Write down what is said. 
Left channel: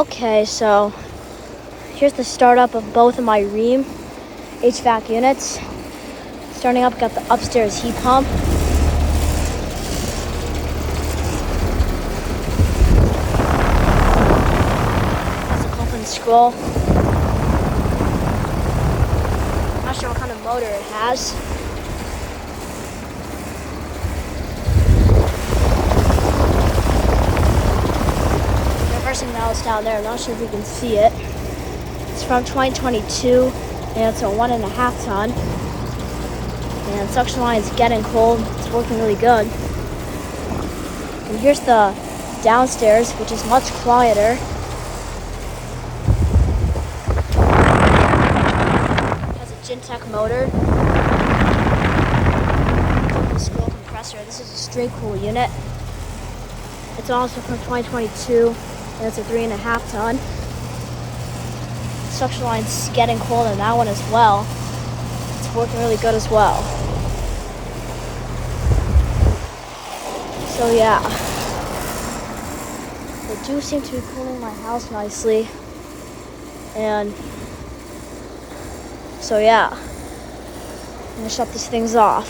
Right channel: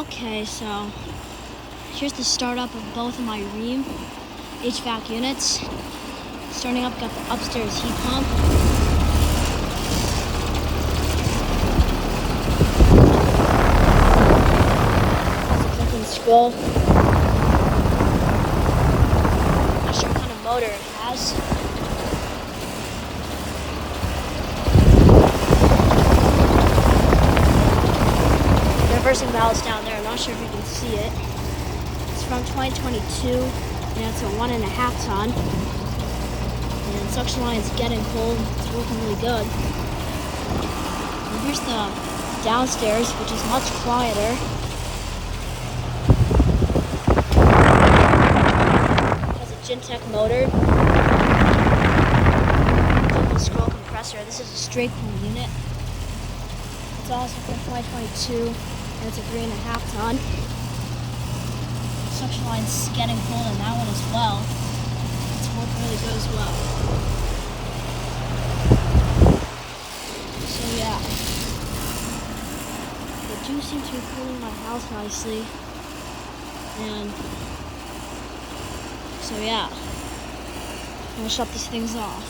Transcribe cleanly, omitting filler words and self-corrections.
Okay, so here's the startup of both of my Rheem HVAC units. Starting up, got the upstairs heat pump. Has a pump and scroll. Not sure what kind of motor it has. Reversing valves down there. I'm not sure if you can see it. It's from 2022, and it's a 1.5 ton. And suction line is getting cold. It's working really good. And here's the downstairs, which is much quieter. It has a Gintech motor. Scroll compressor. This is a straight cool unit. It's also from 2022, and it's a 3.5 ton. Suction line's getting cold in that one as well. It's working really good as well. So yeah, they do seem to be cooling my house nicely. And so yeah, I'm gonna shut these things off.